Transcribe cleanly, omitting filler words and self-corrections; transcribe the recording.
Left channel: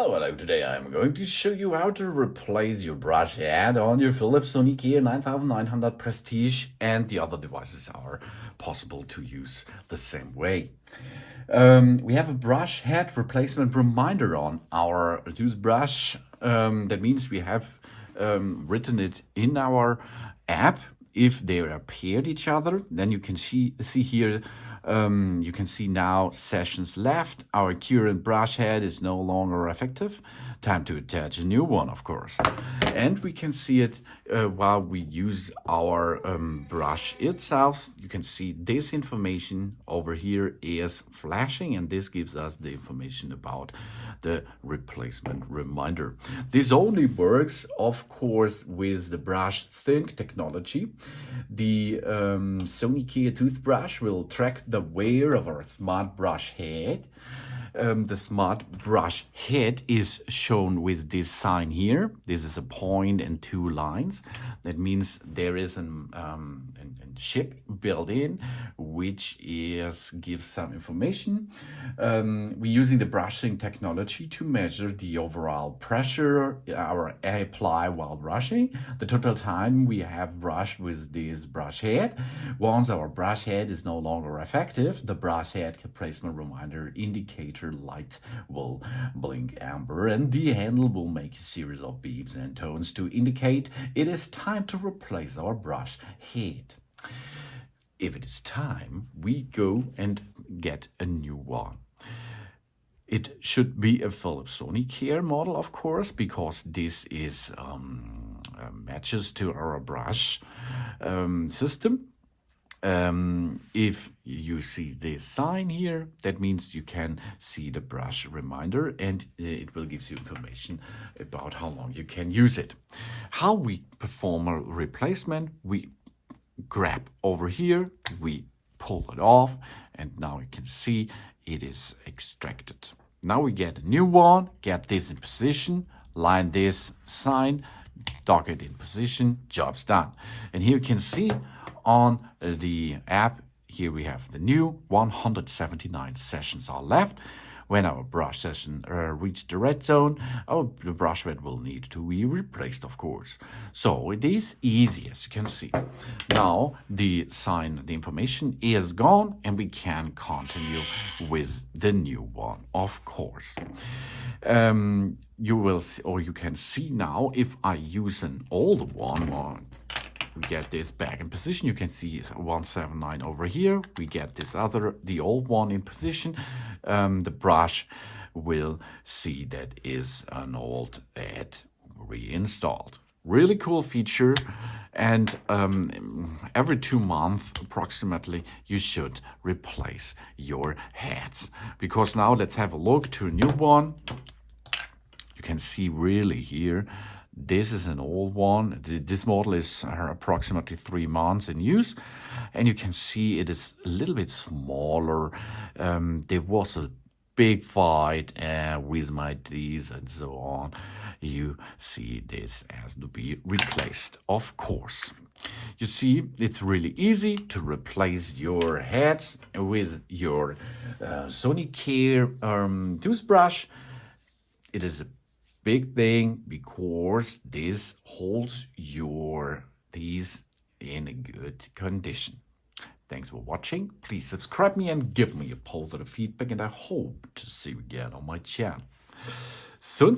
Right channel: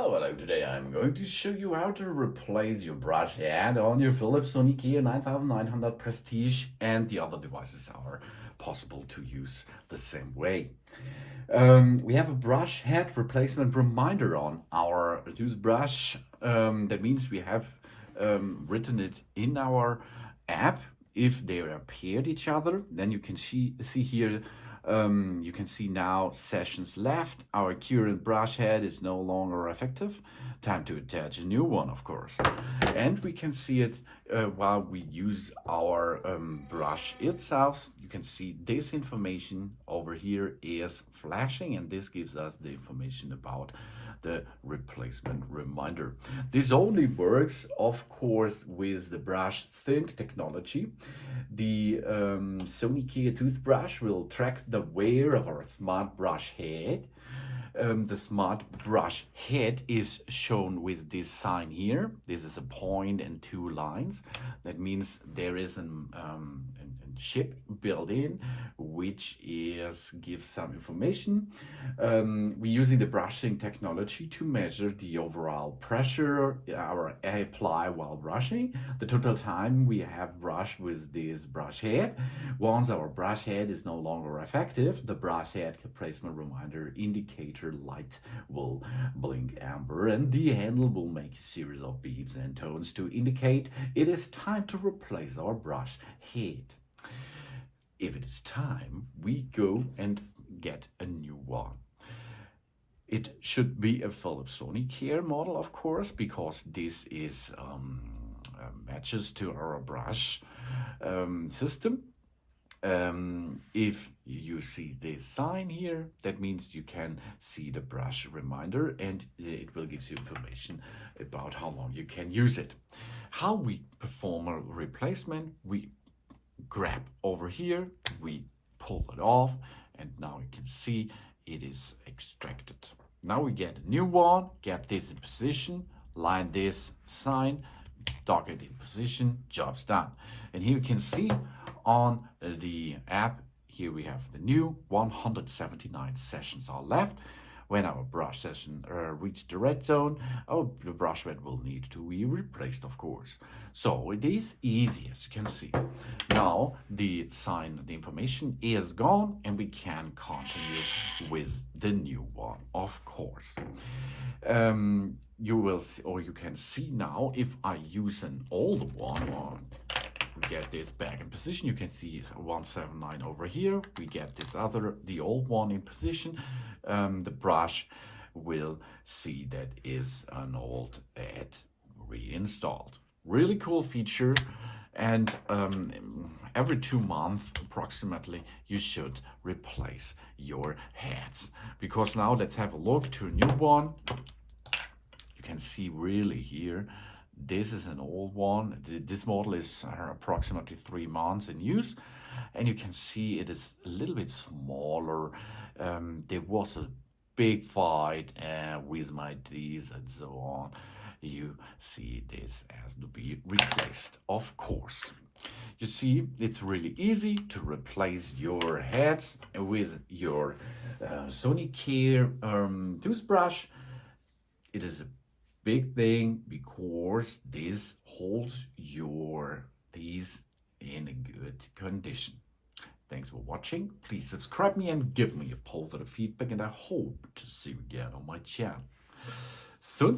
Hello, today I'm going to show you how to replace your brush head on your Philips Sonicare 9900 Prestige, and the other devices are possible to use the same way. We have a brush head replacement reminder on our toothbrush. That means we have written it in our app. If they are paired each other, then you can see here. You can see now sessions left. Our current brush head is no longer effective. Time to attach a new one, of course. And we can see it while we use our brush itself. You can see this information over here is flashing, and this gives us the information about the replacement reminder. This only works, of course, with the brush think technology. The Sonicare toothbrush will track the wear of our smart brush head. The smart brush head is shown with this sign here. This is a point and two lines. That means there is a chip built in, which gives some information. We're using the brushing technology to measure the overall pressure our apply while brushing, the total time we have brushed with this brush head. Once our brush head is no longer effective, the brush head replacement reminder indicator light will blink amber, and the handle will make a series of beeps and tones to indicate it is time to replace our brush head. If it is time, we go and get a new one. It should be a Philips Sonicare model, of course, because this is matches to our brush system. If you see this sign here, that means you can see the brush reminder, and it will give you information about how long you can use it. How we perform a replacement: we grab over here, we pull it off, and now you can see it is extracted. Now we get a new one, get this in position, line this sign, dock it in position, job's done. And here you can see on the app, here we have the new 179 sessions are left. When our brush session reached the red zone, the brush head will need to be replaced, of course. So it is easy, as you can see. Now the information is gone, and we can continue with the new one, of course. You will see, or you can see now, if I use an old one, or get this back in position, you can see it's 179 over here. We get the old one in position. The brush will see that is an old ad reinstalled. Really cool feature, and every 2 months approximately you should replace your heads. Because now let's have a look to a new one. You can see really here, this is an old one. This model is approximately 3 months in use, and you can see it is a little bit smaller. There was a big fight with my Ds and so on. You see this has to be replaced, of course. You see, it's really easy to replace your heads with your Sonicare toothbrush. It is a big thing because this holds your teeth in a good condition. Thanks for watching. Please subscribe me and give me a positive feedback, and I hope to see you again on my channel. Soon.